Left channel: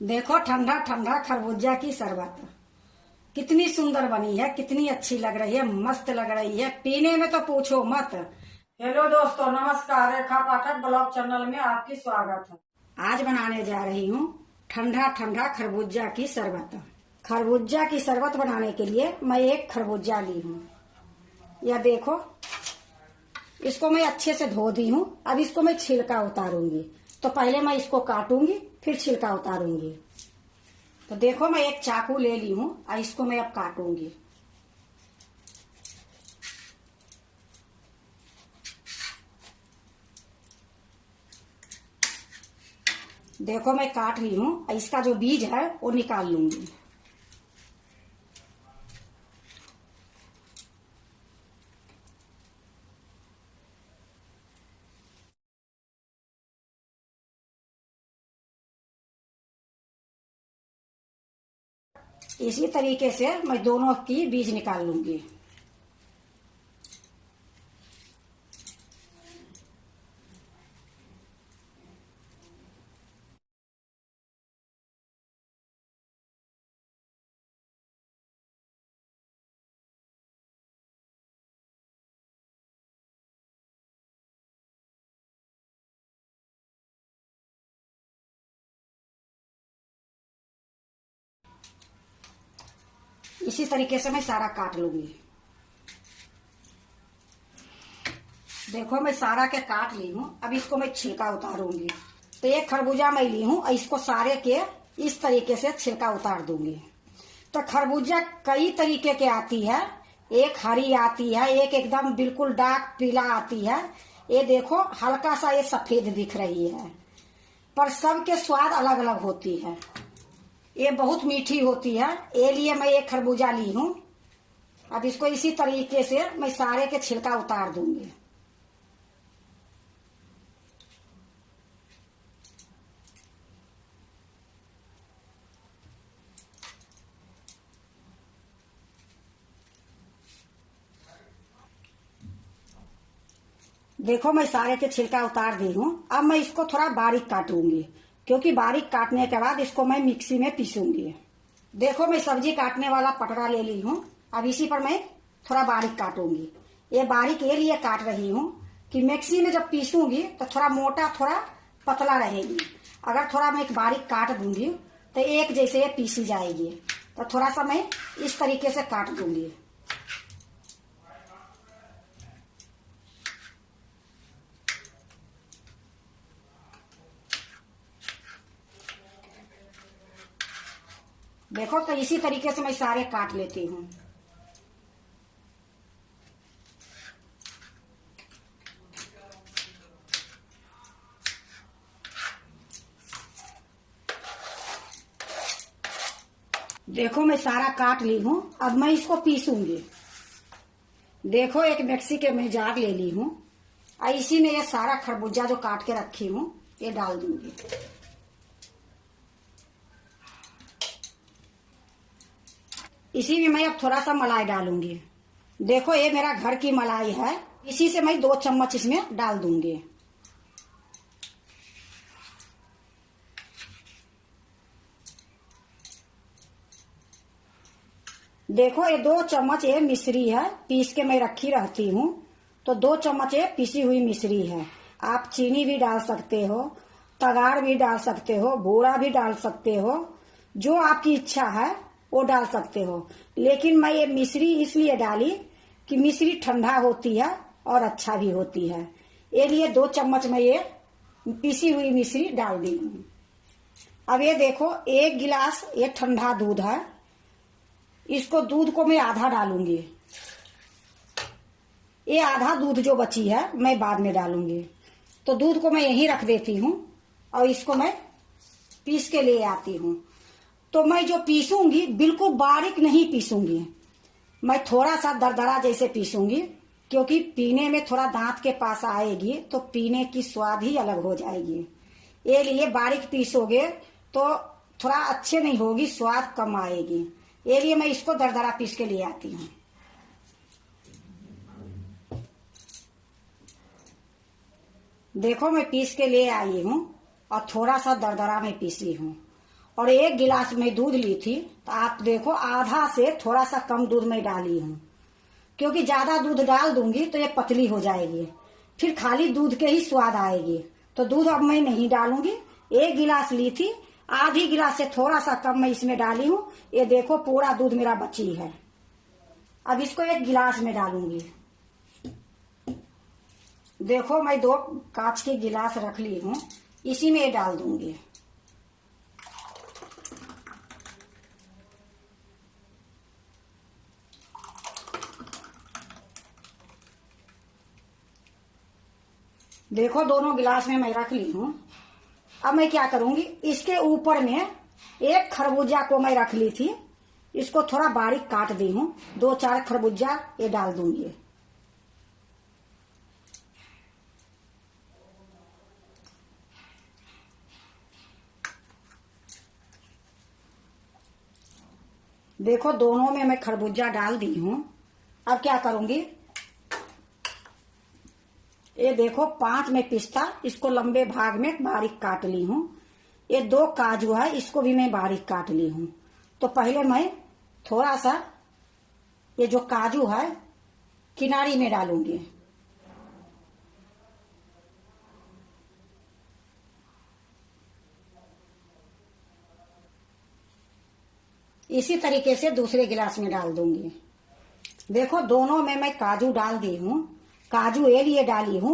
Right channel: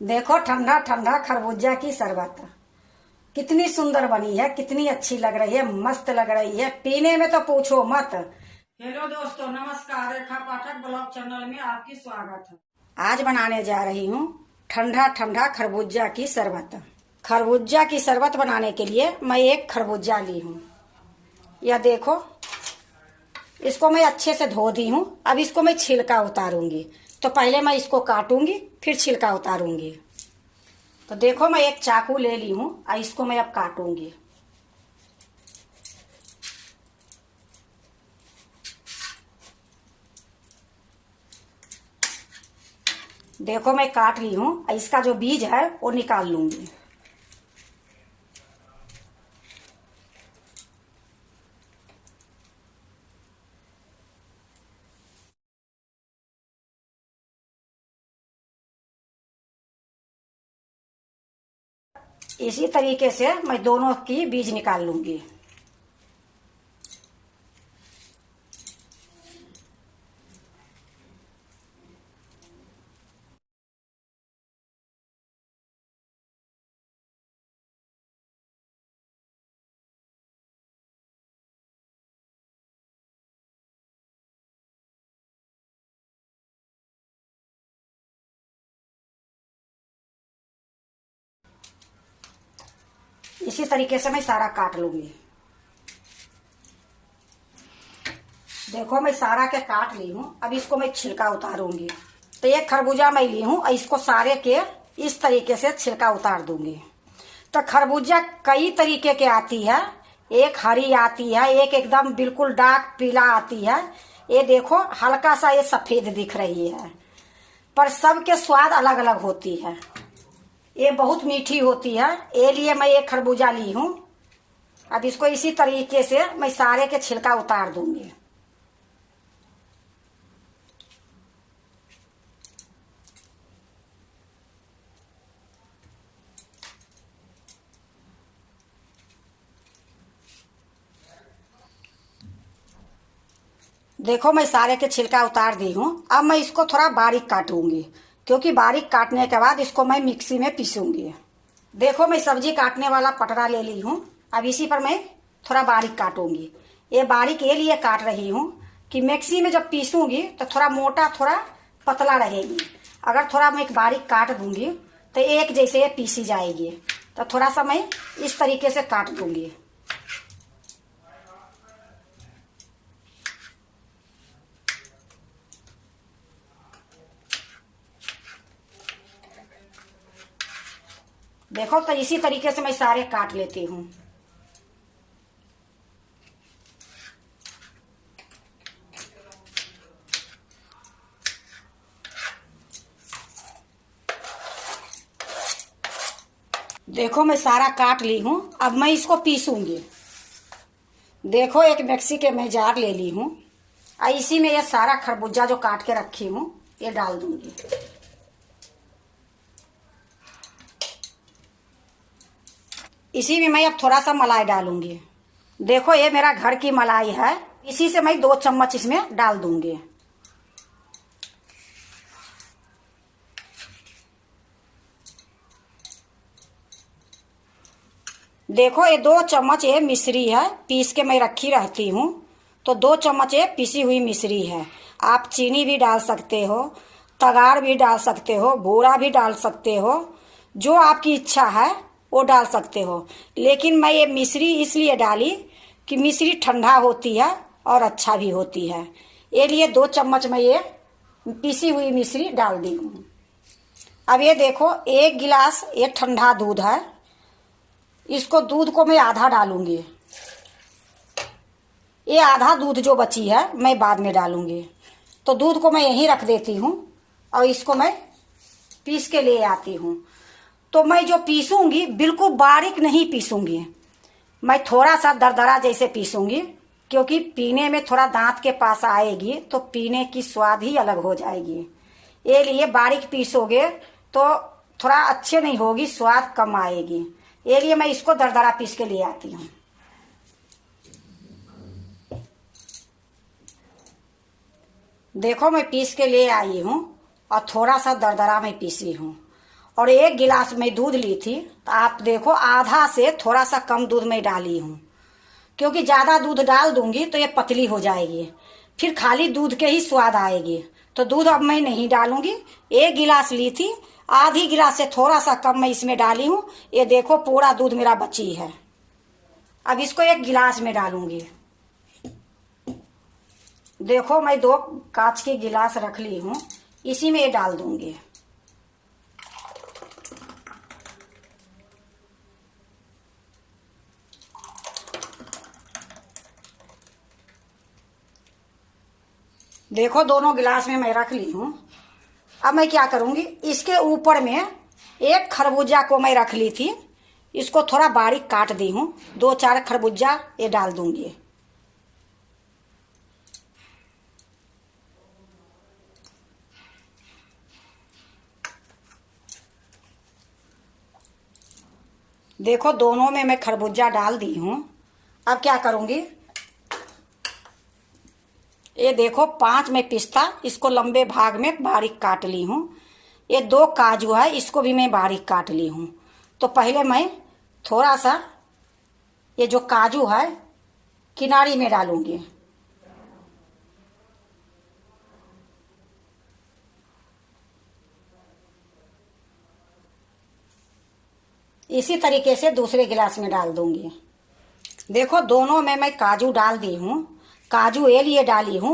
देखो ठंडा ठंडा खरबूजा की शरबत कितनी सुंदर बनी है, कितनी अच्छी लग रही है, मस्त लग रही है। पीने में तो पूछो मत। हेलो दोस्तों, नमस्कार। रेखा पाठक ब्लॉग चैनल में आपकी स्वागत है। आज बनाने जा रही हूँ ठंडा ठंडा खरबूजा की शरबत। खरबूजा की शरबत बनाने के लिए मैं एक खरबूजा ली हूँ। यह देखो, इसको मैं अच्छे से धो दी हूँ। अब इसको मैं छिलका उतारूंगी। तो पहले मैं इसको काटूंगी, फिर छिलका उतारूंगी। तो देखो, मैं एक चाकू ले ली हूँ और इसको मैं अब काटूंगी। देखो, मैं काट ली हूँ। इसका जो बीज है वो निकाल लूंगी। इसी तरीके से मैं दोनों की बीज निकाल लूंगी। इसी तरीके से मैं सारा काट लूंगी। देखो, मैं सारा के काट ली हूँ। अब इसको मैं छिलका उतारूंगी। तो एक खरबूजा मैं ली हूँ और इसको सारे के इस तरीके से छिलका उतार दूंगी। तो खरबूजा कई तरीके के आती है। एक हरी आती है, एक एकदम बिल्कुल डार्क पीला आती है। ये देखो, हल्का सा ये सफेद दिख रही है। पर सबके स्वाद अलग अलग होती है। ये बहुत मीठी होती है, ये लिए मैं एक खरबूजा ली हूँ। अब इसको इसी तरीके से मैं सारे के छिलका उतार दूंगी। देखो, मैं सारे के छिलका उतार दी हूँ। अब मैं इसको थोड़ा बारीक काटूंगी, क्योंकि बारीक काटने के बाद इसको मैं मिक्सी में पीसूंगी। देखो, मैं सब्जी काटने वाला पटरा ले ली हूँ। अब इसी पर मैं थोड़ा बारीक काटूंगी। ये बारीक ये लिए काट रही हूँ कि मिक्सी में जब पीसूंगी तो थोड़ा मोटा थोड़ा पतला रहेगी। अगर थोड़ा मैं बारीक काट दूंगी तो एक जैसे ये पीसी जाएगी। तो थोड़ा सा मैं इस तरीके से काट दूंगी। देखो, तो इसी तरीके से मैं सारे काट लेती हूँ। देखो, मैं सारा काट ली हूँ। अब मैं इसको पीसूंगी। देखो, एक मिक्सी के मैं जार ले ली हूँ और इसी में ये सारा खरबूजा जो काट के रखी हूँ ये डाल दूंगी। इसी में मैं अब थोड़ा सा मलाई डालूंगी। देखो, ये मेरा घर की मलाई है। इसी से मैं 2 चम्मच इसमें डाल दूंगी। देखो, ये 2 चम्मच ये मिश्री है, पीस के मैं रखी रहती हूँ। तो 2 चम्मच ये पिसी हुई मिश्री है। आप चीनी भी डाल सकते हो, तगाड़ भी डाल सकते हो, बूरा भी डाल सकते हो, जो आपकी इच्छा है वो डाल सकते हो। लेकिन मैं ये मिश्री इसलिए डाली कि मिश्री ठंडा होती है और अच्छा भी होती है। ये लिए 2 चम्मच मैं ये पिसी हुई मिश्री डाल दी हूँ। अब ये देखो, 1 गिलास ये ठंडा दूध है। इसको दूध को मैं आधा डालूंगी। ये आधा दूध जो बची है मैं बाद में डालूंगी। तो दूध को मैं यहीं रख देती हूँ और इसको मैं पीस के ले आती हूँ। तो मैं जो पीसूंगी बिल्कुल बारीक नहीं पीसूंगी। मैं थोड़ा सा दरदरा जैसे पीसूंगी, क्योंकि पीने में थोड़ा दांत के पास आएगी तो पीने की स्वाद ही अलग हो जाएगी। ये लिए बारीक पीसोगे तो थोड़ा अच्छे नहीं होगी, स्वाद कम आएगी। ये लिए मैं इसको दरदरा पीस के ले आती हूँ। देखो, मैं पीस के ले आई हूँ और थोड़ा सा दरदरा में पीसी हूँ। और 1 गिलास में दूध ली थी, तो आप देखो आधा से थोड़ा सा कम दूध में डाली हूँ, क्योंकि ज्यादा दूध डाल दूंगी तो ये पतली हो जाएगी, फिर खाली दूध के ही स्वाद आएगी। तो दूध अब मैं नहीं डालूंगी। 1 गिलास ली थी, आधी गिलास से थोड़ा सा कम मैं इसमें डाली हूँ। ये देखो पूरा दूध मेरा बची है। अब इसको 1 गिलास में डालूंगी। देखो मैं 2 कांच की गिलास रख ली हूँ, इसी में ये डाल दूंगी। देखो दोनों गिलास में मैं रख ली हूँ। अब मैं क्या करूंगी, इसके ऊपर में 1 खरबूजा को मैं रख ली थी, इसको थोड़ा बारीक काट दी हूँ। 2-4 खरबूजा ये डाल दूंगी। देखो दोनों में मैं खरबूजा डाल दी हूँ। अब क्या करूंगी, ये देखो 5 में पिस्ता, इसको लंबे भाग में बारीक काट ली हूँ। ये 2 काजू है, इसको भी मैं बारीक काट ली हूँ। तो पहले मैं थोड़ा सा ये जो काजू है किनारी में डालूंगी। इसी तरीके से दूसरे गिलास में डाल दूंगी। देखो दोनों में मैं काजू डाल दी हूँ। काजू ये लिए डाली हूँ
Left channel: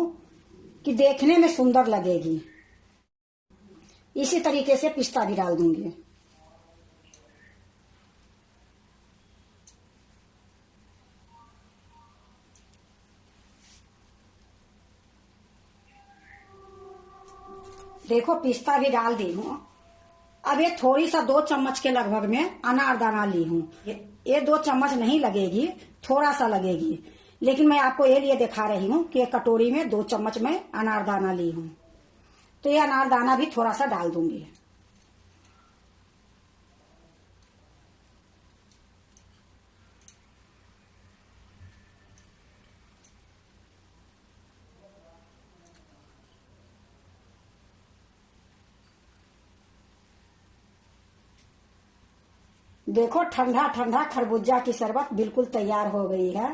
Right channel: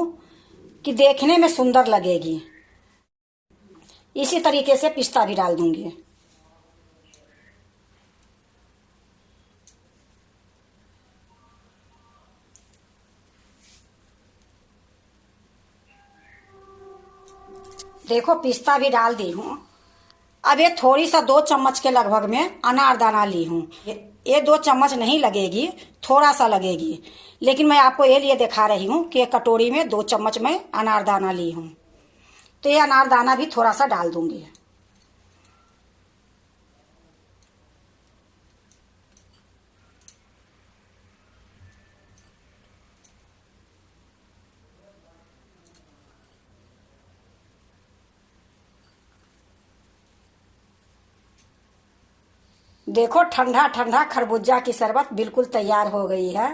कि देखने में सुंदर लगेगी। इसी तरीके से पिस्ता भी डाल दूंगी। देखो पिस्ता भी डाल दी हूँ। अब ये थोड़ी सा 2 चम्मच के लगभग में अनारदाना ली हूँ। ये 2 चम्मच नहीं लगेगी, थोड़ा सा लगेगी, लेकिन मैं आपको ये लिए दिखा रही हूँ कि कटोरी में 2 चम्मच में अनारदाना ली हूँ। तो ये अनारदाना भी थोड़ा सा डाल दूंगी। देखो ठंडा ठंडा खरबूजा की शरबत बिल्कुल तैयार हो गई है।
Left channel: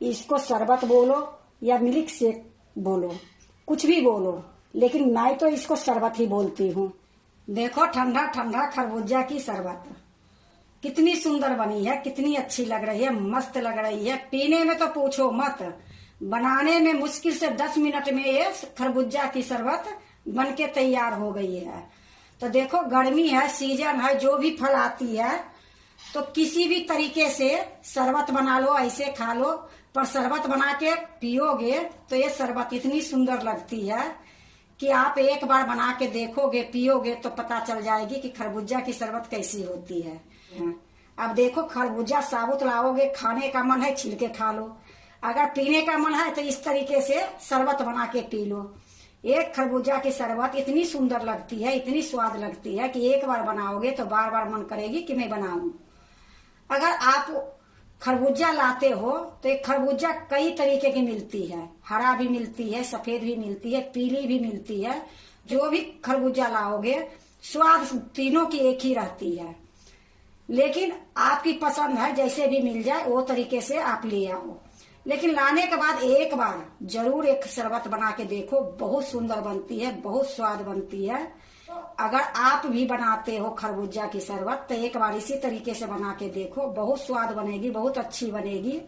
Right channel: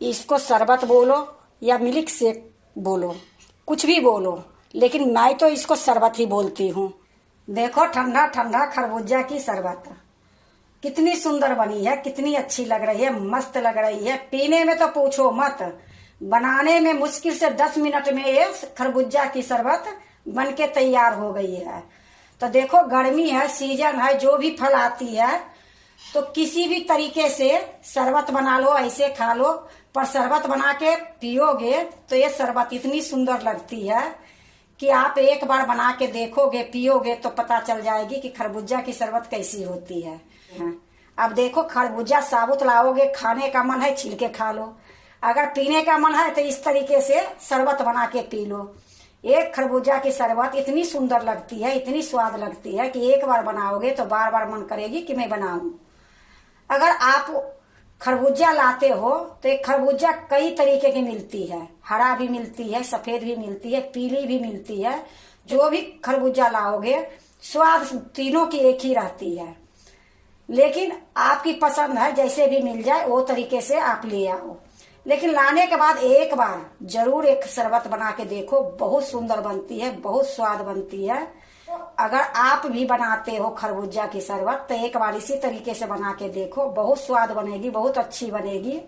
इसको शरबत बोलो या मिल्क शेक बोलो, कुछ भी बोलो, लेकिन मैं तो इसको शरबत ही बोलती हूँ। देखो ठंडा ठंडा खरबूजा की शरबत कितनी सुंदर बनी है, कितनी अच्छी लग रही है, मस्त लग रही है। पीने में तो पूछो मत, बनाने में मुश्किल से 10 मिनट में ये खरबूजा की शरबत बन के तैयार हो गई है। तो देखो गर्मी है, सीजन है, जो भी फल आती है तो किसी भी तरीके से शरबत बना लो, ऐसे खा लो, पर शरबत बना के पियोगे तो ये शरबत इतनी सुंदर लगती है कि आप एक बार बना के देखोगे, पियोगे तो पता चल जाएगी कि खरबूजा की शरबत कैसी होती है। अब देखो खरबूजा साबुत लाओगे, खाने का मन है छिलके खा लो, अगर पीने का मन है तो इस तरीके से शरबत बना के पी लो। एक खरबूजा की शरबत इतनी सुंदर लगती है, इतनी स्वाद लगती है कि एक बार बनाओगे तो बार बार मन करेगी कि मैं बनाऊं। अगर आप खरबूजा लाते हो तो एक खरबूजा कई तरीके की मिलती है, हरा भी मिलती है, सफेद भी मिलती है, पीली भी मिलती है। जो भी खरबूजा लाओगे स्वाद तीनों की एक ही रहती है, लेकिन आपकी पसंद है, जैसे भी मिल जाए वो तरीके से आप ले आओ। लेकिन लाने के बाद एक बार जरूर एक शरबत बना के देखो, बहुत सुंदर बनती है, बहुत स्वाद बनती है। अगर आप भी बनाते हो खरबूजा की शरबत तो एक बार इसी तरीके से बना के देखो, बहुत स्वाद बनेगी, बहुत अच्छी बनेगी।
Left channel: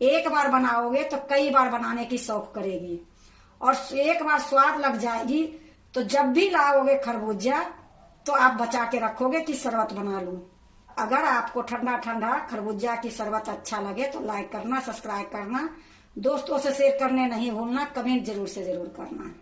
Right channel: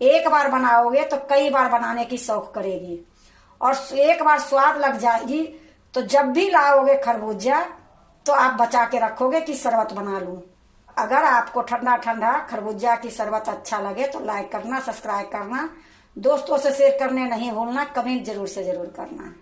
एक बार बनाओगे तो कई बार बनाने की शौक करेगी, और एक बार स्वाद लग जाएगी तो जब भी लाओगे खरबूजा तो आप बचा के रखोगे कि शरबत बना लूं। अगर आपको ठंडा ठंडा खरबूजा की शरबत अच्छा लगे तो लाइक करना, सब्सक्राइब करना, दोस्तों से शेयर करने नहीं भूलना, कमेंट जरूर से जरूर करना।